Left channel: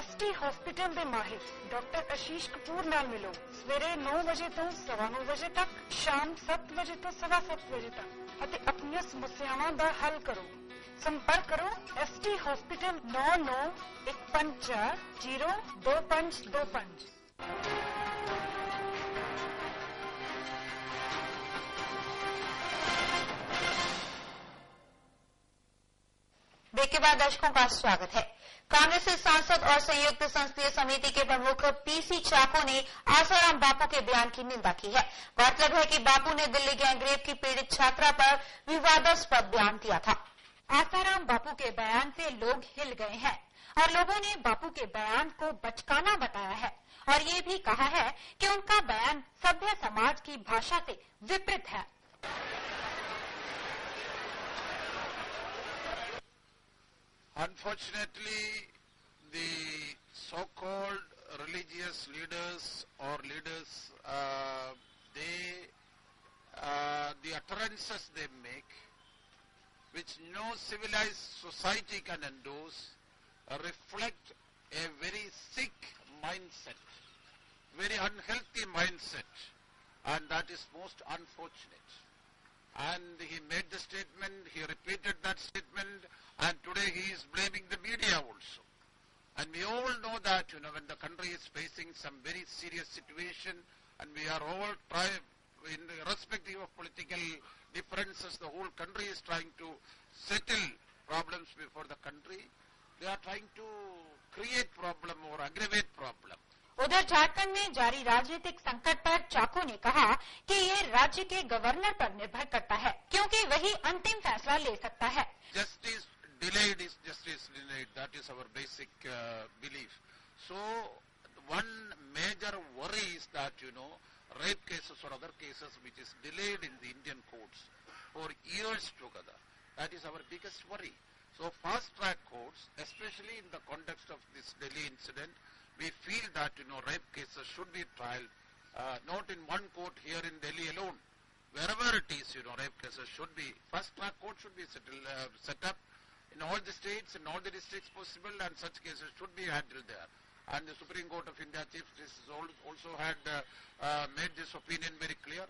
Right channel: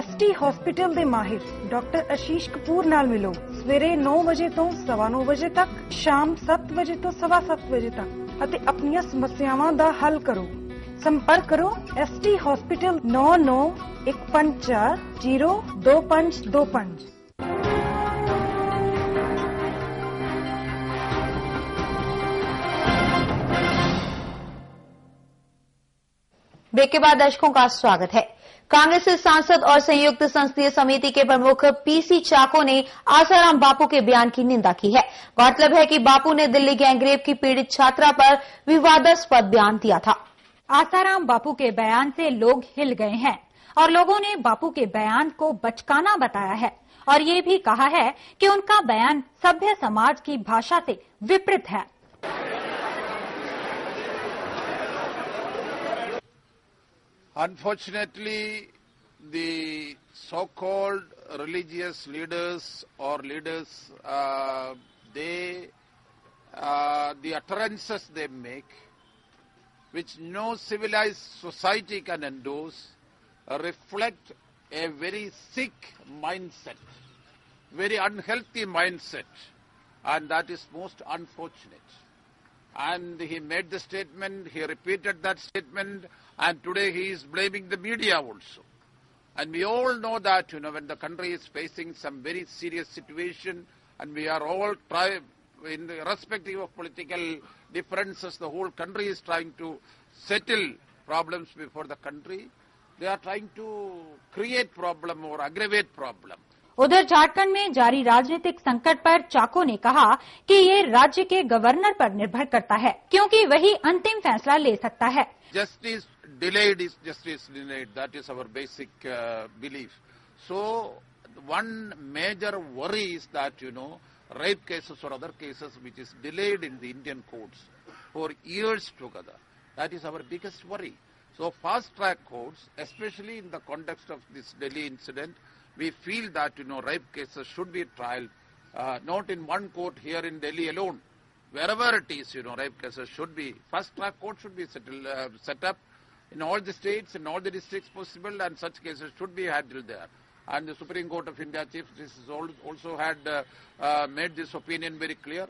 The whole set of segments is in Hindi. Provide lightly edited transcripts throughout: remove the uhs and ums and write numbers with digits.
एसटी हॉस्पिटल ਦੇ ਮਾਹਿਰ ਡਾਕਟਰ ਆਸ਼ੀਸ਼ ਕਪੂਰ ਨਾਲ ਮਿਲੋ ਸਵੇਰੇ 9 ਵਜੇ ਤੋਂ 9:15 ਵਜੇ ਤੱਕ, ਸ਼ਾਮ 7 ਵਜੇ ਤੋਂ 7:15 ਵਜੇ ਤੱਕ ਅਤੇ ਆਪਣੀਆਂ ਸਮੱਸਿਆਵਾਂ ਦਾ ਹੱਲ ਕਰੋ। संपर्क करो एसटी हॉस्पिटल 9915402525। ब्रेक के बाद दर्शकों का स्वागत है। कांग्रेस के सांसद और संयुक्त संसदीय समिति के प्रमुख पीसी चाको ने आसाराम बापू के बयान की निंदा की है। गौरतलब है कि बापू ने दिल्ली गैंगरेप की पीड़ित छात्रा पर विवादास्पद बयान दिया था। आसाराम बापू के बयान से लोग हिल गए हैं और लोगों ने बापू के बयान को बचकाना बताया है और ये भी कहा है कि उनका बयान सभ्य समाज की भाषा से विपरीत है। Unfortunately, the so-called religious leaders or leaders, the utterances they make, which no civilized society can endorse, reflect a very sick mindset, very unhealthy mindset, and that is most unfortunate. And he made the statement, he repeated that statement, and today he is blaming the media also. And we all know that, when the country is facing some very serious situation, and we are all irrespective of political differences, the whole country is trying to settle problems before the country. They are trying to create problem or aggravate problem. उधर झारखंड में जारी राजनीतिक संकट पर चाको ने कहा कि ये राज्य के गवर्नर पर निर्भर करता है, क्योंकि वही अंतिम फैसला ले सकता है। Justice delayed is justice denied. That is our basic belief. So one major worry is that, rape cases or other cases which is delayed in the Indian courts for years together. That is our biggest worry. So fast-track courts, especially in the context of this Delhi incident, we feel that, rape cases should be tried, not in one court here in Delhi alone. Wherever it is, rape cases should be, fast-track court should be set up in all the states, in all the districts possible, and such cases should be handled there. And the Supreme Court of India Chief Justice also had made this opinion very clear.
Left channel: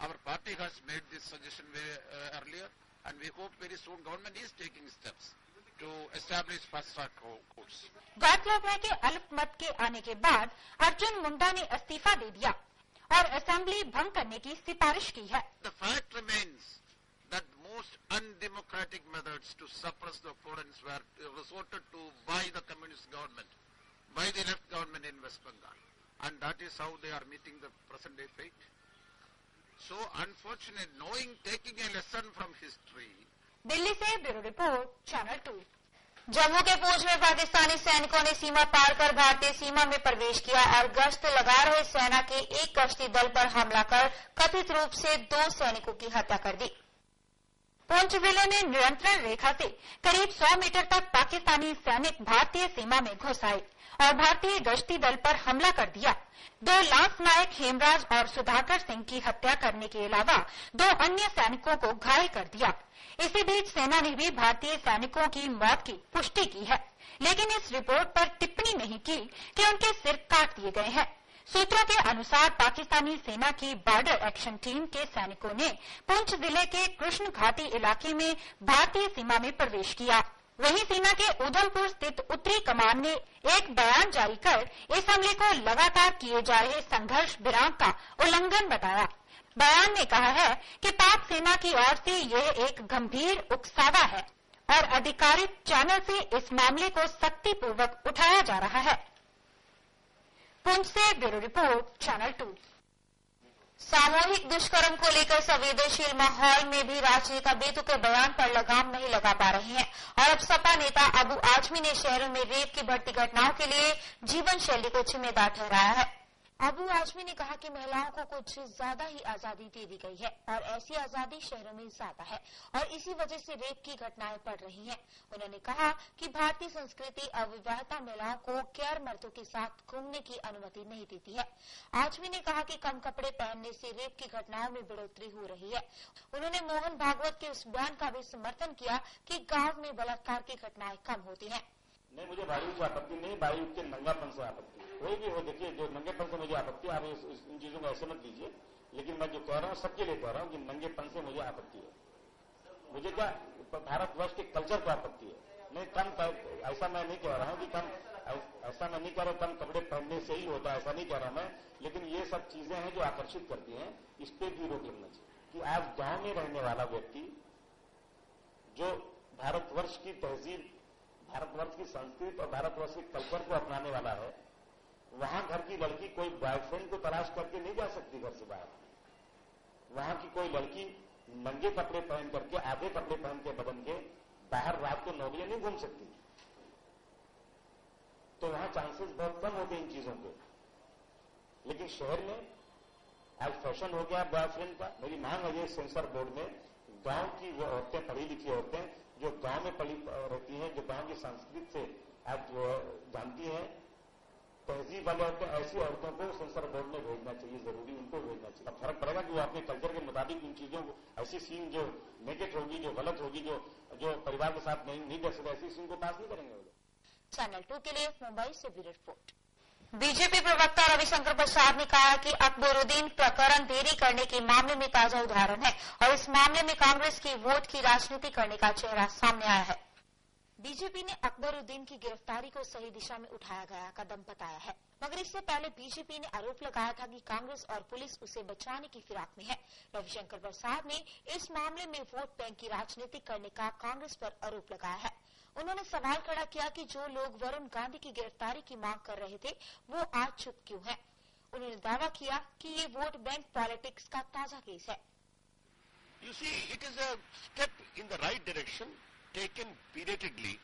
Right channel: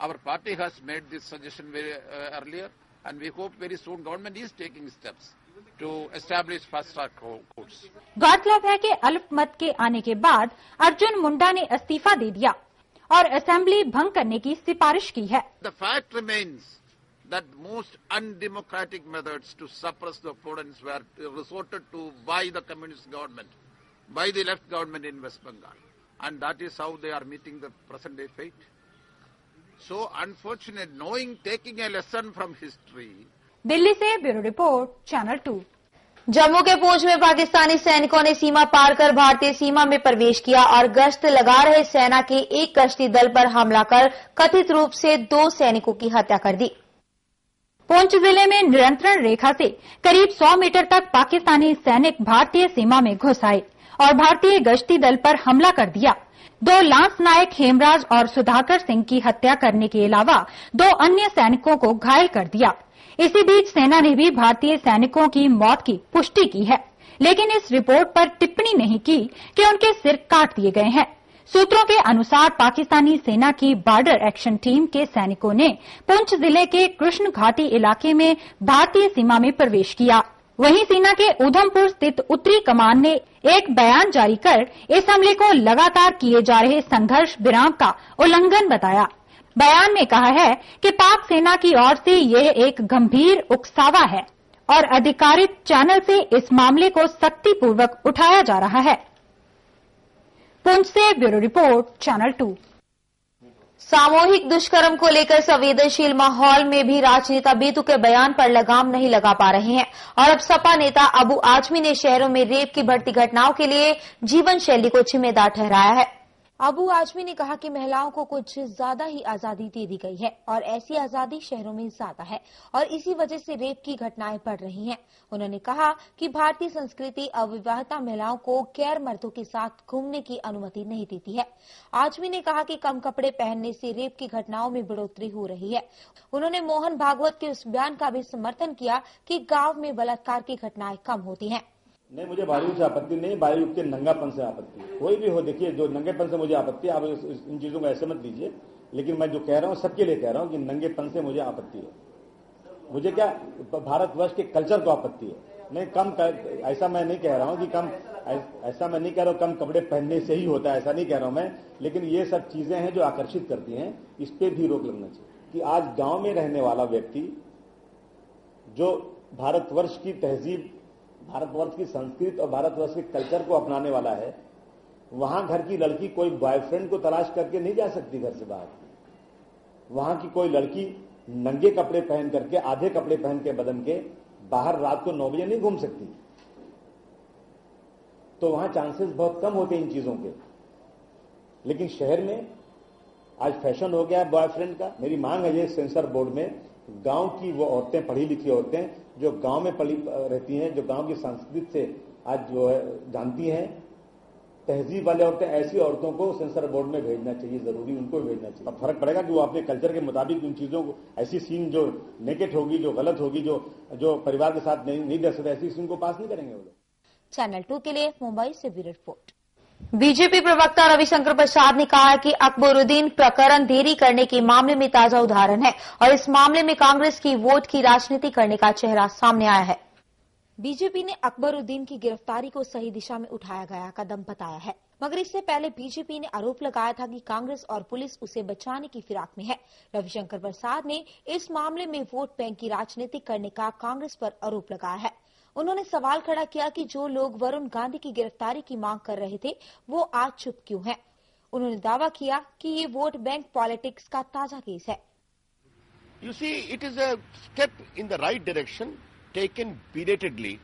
Our party has made this suggestion very earlier, and we hope very soon government is taking steps to establish fast-track courts. गौरतलब है कि अल्पमत के आने के बाद अर्जुन मुंडा ने इस्तीफा दे दिया और असेंबली भंग करने की सिफारिश की है। The fact remains that most undemocratic methods to suppress the opponents were resorted to by the communist government, by the left government in West Bengal, and that is how they are meeting the present day fate. So unfortunate, taking a lesson from history. Delhi से ब्यूरो रिपोर्ट, चैनल 2। जम्मू के पूंछ में पाकिस्तानी सैनिकों ने सीमा पार कर भारतीय सीमा में प्रवेश किया और गश्त लगा रहे सेना के एक गश्ती दल पर हमला कर कथित रूप से 2 सैनिकों की हत्या कर दी। पुंछ जिले में नियंत्रण रेखा से करीब 100 मीटर तक पाकिस्तानी सैनिक भारतीय सीमा में घुस आए और भारतीय गश्ती दल पर हमला कर दिया। 2 लांस नायक हेमराज और सुधाकर सिंह की हत्या करने के अलावा 2 अन्य सैनिकों को घायल कर दिया। इसी बीच सेना ने भी भारतीय सैनिकों की मौत की पुष्टि की है, लेकिन इस रिपोर्ट पर टिप्पणी नहीं की कि उनके सिर काट दिए गए हैं। सूत्रों के अनुसार पाकिस्तानी सेना की बॉर्डर एक्शन टीम के सैनिकों ने पुंछ जिले के कृष्ण घाटी इलाके में भारतीय सीमा में प्रवेश किया। वहीं सेना के उधमपुर स्थित उत्तरी कमान ने एक बयान जारी कर इस हमले को लगातार किए जा रहे संघर्ष विराम का उल्लंघन बताया। बयान में कहा है कि पाक सेना की ओर से यह एक गंभीर उकसावा है और अधिकारित चैनल से इस मामले को सख्तीपूर्वक उठाया जा रहा है। पुंछ से ब्यूरो रिपोर्ट, चैनल 2। सामूहिक दुष्कर्म को लेकर संवेदनशील माहौल में भी राजनेता बेतु के बयान पर लगाम नहीं लगा पा रहे हैं और अब सपा नेता अबू आजमी ने शहरों में रेप की बढ़ती घटनाओं के लिए जीवन शैली को जिम्मेदार ठहराया है। अबू आजमी ने कहा कि महिलाओं को कुछ ज्यादा ही आजादी दे दी गई है और ऐसी आजादी शहरों में ज्यादा है और इसी वजह से रेप की घटनाएं बढ़ रही हैं। उन्होंने कहा कि भारतीय संस्कृति अविवाहिता महिलाओं को गैर मर्दों के साथ घूमने की अनुमति नहीं देती है। आजमी ने कहा कि कम कपड़े पहनने से रेप की घटनाओं में बढ़ोतरी हो रही है। उन्होंने मोहन भागवत के उस बयान का भी समर्थन किया कि गाँव में बलात्कार की घटनाएं कम होती है। नहीं, मुझे बालीवुड से आपत्ति नहीं, बालीवुड के नंगापन से आपत्ति है। कोई भी हो, देखिए, जो नंगेपन से मुझे आपत्ति है, आप इन चीजों को ऐसे मत लीजिए, लेकिन मैं जो कह रहा हूं सबके लिए कह रहा हूं कि नंगेपन से मुझे आपत्ति है। मुझे क्या, भारतवर्ष के कल्चर को आपत्ति है। नहीं, ऐसा मैं नहीं कह रहा हूं कि ऐसा मैं नहीं कह रहा हूं कम कपड़े पहनने से ही होता है, ऐसा नहीं कह रहा हूं मैं, लेकिन ये सब चीजें हैं जो आकर्षित करती हैं, इस पे भी रोक लगना चाहिए कि आज गांव में रहने वाला व्यक्ति जो भारतवर्ष की तहजीब, भारतवर्ष की संस्कृति और भारतवर्ष के कल्चर को अपनाने वाला है, वहां घर की लड़की कोई बॉयफ्रेंड को तलाश करके नहीं जा सकती घर से बाहर। वहां की कोई लड़की नंगे कपड़े पहन करके, आधे कपड़े पहन के बदन के बाहर रात को 9 बजे नहीं घूम सकती। तो वहां चांसेस बहुत कम होते हैं इन चीजों के। लेकिन शहर में आज फैशन हो गया है बॉयफ्रेंड का। मेरी मांग है ये सेंसर बोर्ड में, गांव की वो औरतें, पढ़ी लिखी औरतें जो गांव में पली रहती हैं, जो गांव की संस्कृति से आज जो है जानती हैं, तहजीब वाले औरतें, ऐसी औरतों को सेंसर बोर्ड में भेजना चाहिए, जरूरी उनको भेजना चाहिए। अब फर्क पड़ेगा कि वो अपने कल्चर के मुताबिक उन चीजों को, ऐसी सीन जो नेकेट होगी, जो गलत होगी, जो परिवार के साथ नहीं दे सकते, ऐसी सीन को पास नहीं करेंगे वो लोग। चैनल 2 के लिए मुंबई से ब्यूरो रिपोर्ट। बीजेपी प्रवक्ता रविशंकर प्रसाद ने कहा है कि अकबरुद्दीन प्रकरण देरी करने के मामले में ताजा उदाहरण है और इस मामले में कांग्रेस की वोट की राजनीति करने का चेहरा सामने आया है। बीजेपी ने अकबरुद्दीन की गिरफ्तारी को सही दिशा में उठाया गया कदम बताया है, मगर इससे पहले बीजेपी ने आरोप लगाया था कि कांग्रेस और पुलिस उसे बचाने की फिराक में है। रविशंकर प्रसाद ने इस मामले में वोट बैंक की राजनीति करने का कांग्रेस पर आरोप लगाया है। उन्होंने सवाल खड़ा किया कि जो लोग वरुण गांधी की गिरफ्तारी की मांग कर रहे थे वो आज चुप क्यों हैं। उन्होंने दावा किया कि ये वोट बैंक पॉलिटिक्स का ताजा केस है। You see, it is a step in the right direction taken belatedly,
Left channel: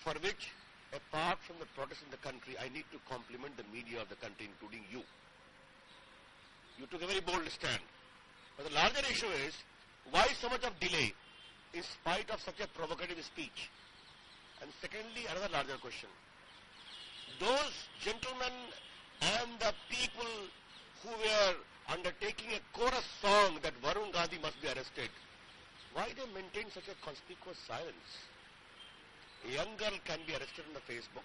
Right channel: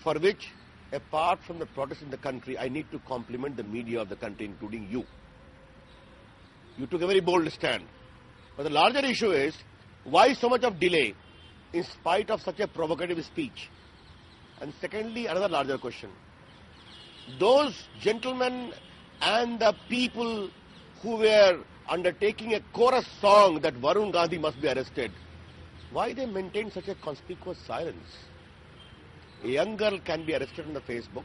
for which, apart from the protests in the country, I need to compliment the media of the country, including you. You took a very bold stand. But the larger issue is, why so much of delay in spite of such a provocative speech? And secondly, another larger question. Those gentlemen and the people who were undertaking a chorus song that Varun Gandhi must be arrested, why they maintain such a conspicuous silence? A young girl can be arrested on the Facebook.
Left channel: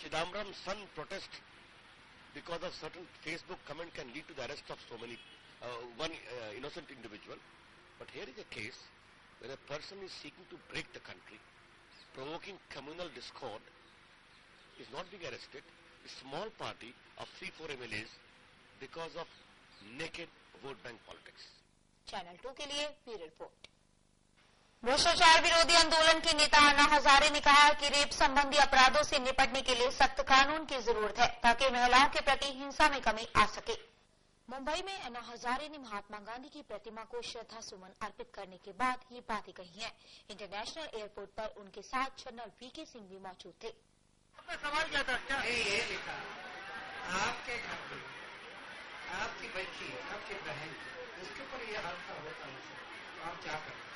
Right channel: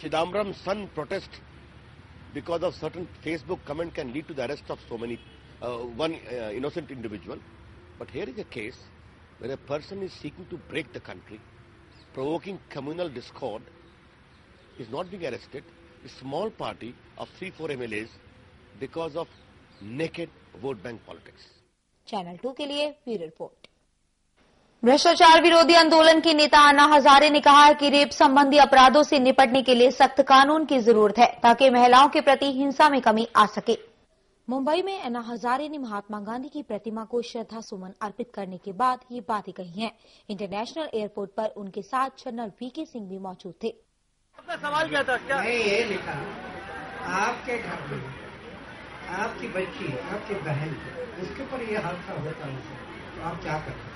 Chidambaram's son protest because of certain Facebook comment can lead to the arrest of so many, one innocent individual. But here is a case where a person is seeking to break the country, provoking communal discord, is not being arrested. A small party of 3-4 MLAs because of naked vote bank politics. Channel 2 के लिए ब्यूरो रिपोर्ट। भ्रष्टाचार विरोधी आंदोलन के नेता अन्ना हजारे ने कहा है कि रेप संबंधी अपराधों से निपटने के लिए सख्त कानून की जरूरत है ताकि महिलाओं के प्रति हिंसा में कमी आ सके। मुंबई में अन्ना हजारे ने महात्मा गांधी की प्रतिमा को श्रद्धा सुमन अर्पित करने के बाद ये बातें कही हैं। इंटरनेशनल एयरपोर्ट पर उनके साथ जनरल वीके सिंह भी मौजूद थे। आपका सवाल क्या था? क्या ये लिखा, आपके घर में आपकी बच्ची, आपकी बहन, उसके ऊपर ये हादसा होता है तो आप क्या करते?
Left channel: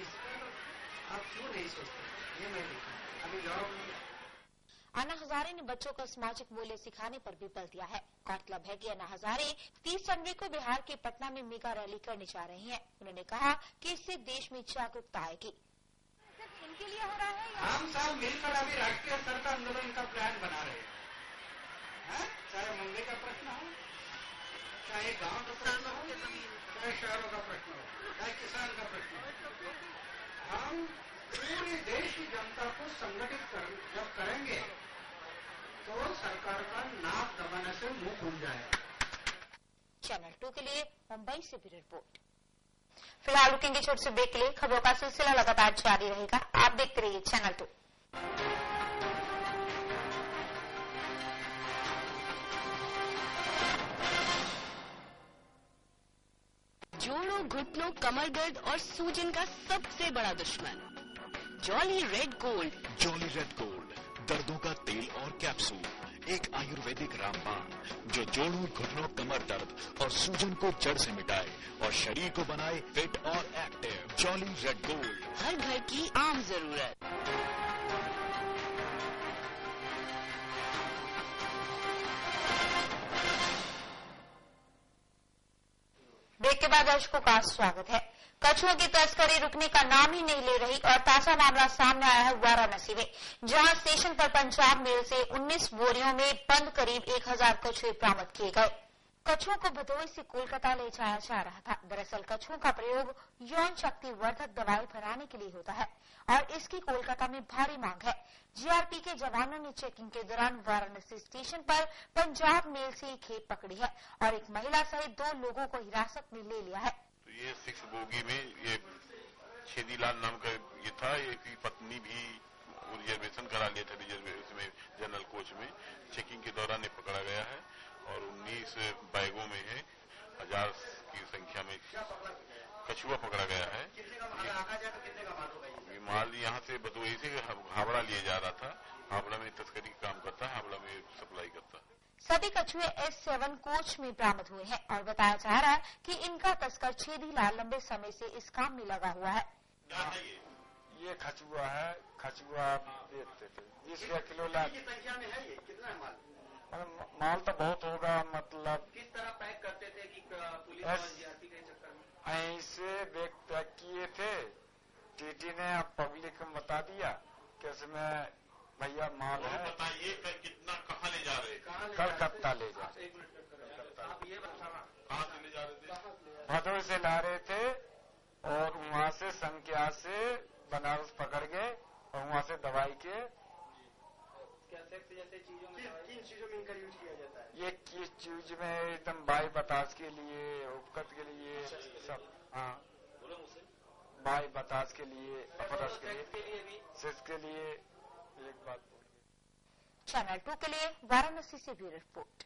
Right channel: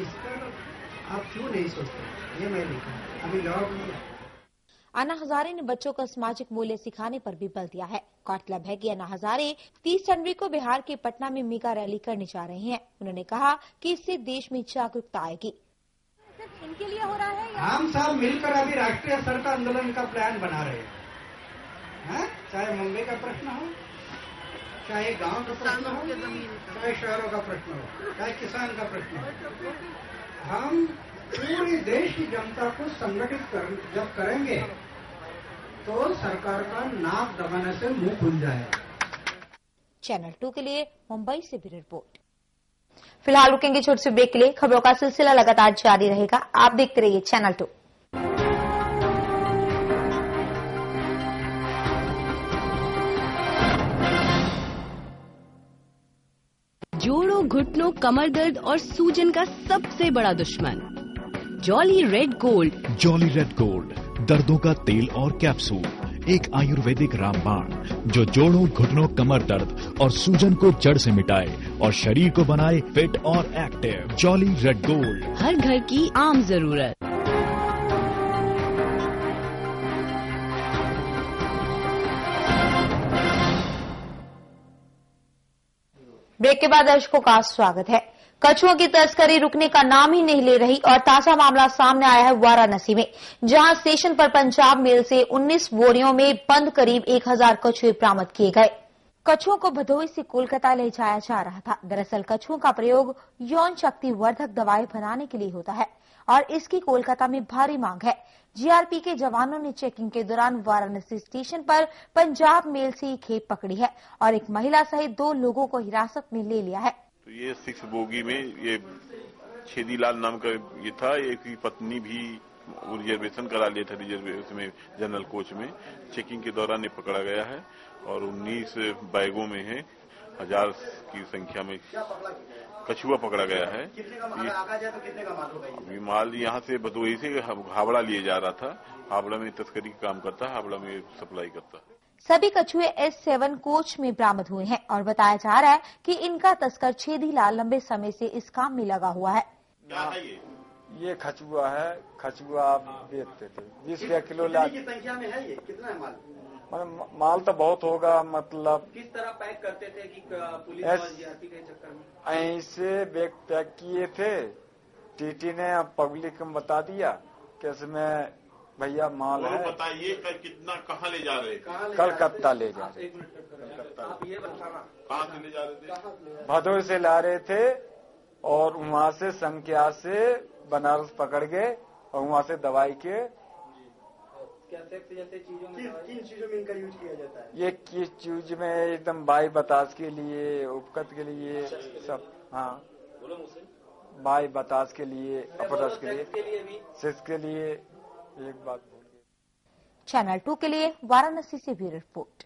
इस पर आप क्यों नहीं सोचते? ये मैं लिखा, अभी जवाब नहीं। अन्ना हजारे ने बच्चों को सामाजिक मूल्य सिखाने पर भी बल दिया है। गौरतलब है कि अन्ना हजारे 30 जनवरी को बिहार के पटना में मेगा रैली करने जा रहे हैं। उन्होंने कहा कि इससे देश में जागरूकता आएगी। सिर्फ इनके लिए हो रहा है या हम सब मिलकर अभी राष्ट्रीय स्तर का आंदोलन का प्लान बना रहे हैं। चाहे मुंबई का प्रश्न हो, चाहे गांव का प्रश्न हो, चाहे शहरों का प्रश्न हो, चाहे किसान का प्रश्न हो, हम पूरी देश की जनता को संगठित जब करेंगे तो सरकार का नाक दबाने से मुंह खुल जाएगा। चैनल 2 के लिए मुंबई से ब्यूरो रिपोर्ट। फिलहाल रुकेंगे छोटे से ब्रेक के लिए। खबरों का सिलसिला लगातार जारी रहेगा, आप देखते रहिए चैनल 2। जोड़ों, घुटनों, कमर दर्द और सूजन का सबसे बड़ा दुश्मन Jolly Red Gold. Jolly Red Gold, दर्दों का तेल और कैप्सूल, एक आयुर्वेदिक रामबाण जो जोड़ों, घुटनों, कमर दर्द और सूजन को जड़ से मिटाए और शरीर को बनाए फिट और एक्टिव। जॉली रेड गोल्ड, हर घर की आम जरूरत। ब्रेक के बाद दर्शकों का स्वागत है। कछुओं की तस्करी रुकने का नाम ही नहीं ले रही और ताजा मामला सामने आया है वाराणसी में, जहां स्टेशन पर पंजाब मेल से 19 बोरियों में बंद करीब 1000 कछुए बरामद किए गए। कछुओं को भदोही से कोलकाता ले जाया जा रहा था। दरअसल कछुओं का प्रयोग यौन शक्ति वर्धक दवाएं बनाने के लिए होता है और इसकी कोलकाता में भारी मांग है। जीआरपी के जवानों ने चेकिंग के दौरान वाराणसी स्टेशन पर पंजाब मेल से खेप पकड़ी है और एक महिला सहित 2 लोगों को हिरासत में ले लिया है। तो ये 6 बोगी में ये छेदीलाल नाम का ये था, एक पत्नी भी रिजर्वेशन करा लिया था रिजर्वेशन में, जनरल कोच में। चेकिंग के दौरान ये पकड़ा गया है और 19 बैगों में है 1000 की संख्या में कछुआ पकड़ा गया है। अभी माल यहाँ से भदोही से हावड़ा लिए जा रहा था। हावड़ा में तस्करी का काम करता है, हावड़ा में सप्लाई करता है। सभी कछुए S7 कोच में बरामद हुए हैं और बताया जा रहा है कि इनका तस्कर छेदीलाल लंबे समय से इस काम में लगा हुआ है। ये कछुआ है, कछुआ आप बेचते थे 20 किलो की संख्या में है। ये कितना है माल? माल तो बहुत होगा। मतलब किस तरह पैक करते थे कि पुलिस और जीआरपी के चक्कर में? ऐसे बैग पैक किए थे। टीटी ने पब्लिक को बता दिया कि इसमें भैया माल है। बताइए कितना, कहाँ ले जा रहे? कलकत्ता ले जा रहे। आप ये बताना कहाँ से ले जा रहे थे? भदोही से ला रहे थे और वहाँ से संख्या से बनारस पकड़ गए और वहाँ से दवाई के जैसे चीजों में किन चीजों में इनका यूज किया जाता है? ये किस चीज में एकदम बाई बतास के लिए, उपकत के लिए सब। हाँ, बाई बतास के लिए, अपरस के लिए, सेक्स के लिए। एक बात बोलिए। चैनल 2 के लिए वाराणसी से ब्यूरो रिपोर्ट।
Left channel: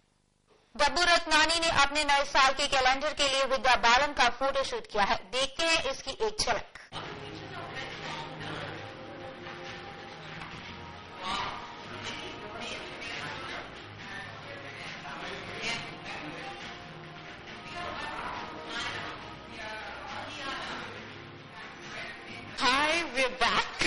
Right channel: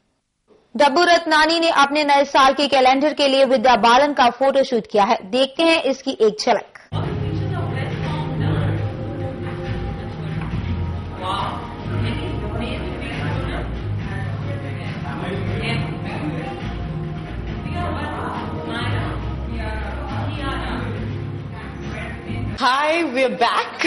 डब्बू रत्नानी ने अपने नए साल के कैलेंडर के लिए विद्या बालन का फोटोशूट किया है। देखते हैं इसकी एक झलक। Hi, we're back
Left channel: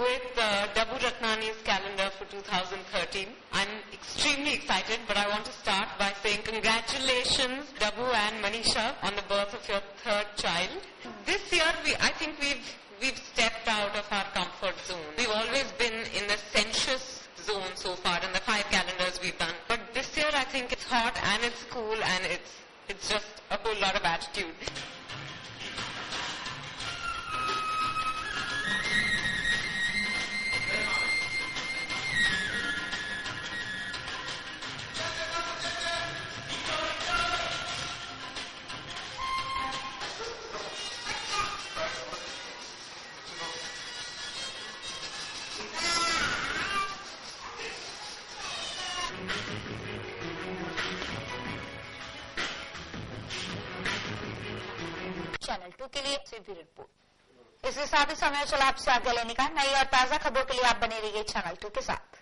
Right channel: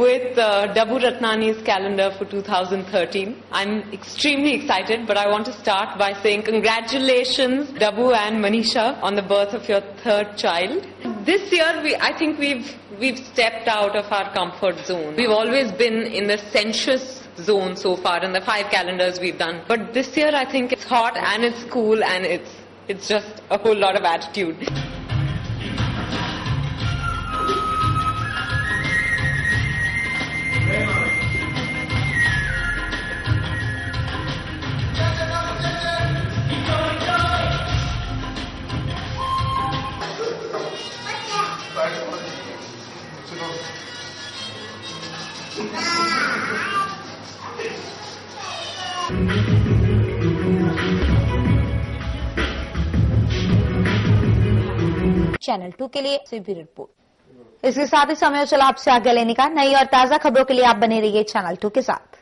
with Dabbu Ratnani's calendar for 2013. I'm extremely excited, but I want to start by saying congratulations, Dabbu and Manisha, on the birth of your 3rd child. This year, I think we've stepped out of our comfort zone. We've always been in the sensuous zone so far in the 5 calendars we've done. But this year, I think it's hot and it's cool and it's just a whole lot of attitude. Channel 2 के लिए ब्यूरो रिपोर्ट। इसके साथ ही समय चला आपसे आज्ञा लेने का। नई और ताजा खबरों के लिए आप बने रहिए चैनल 2 के साथ।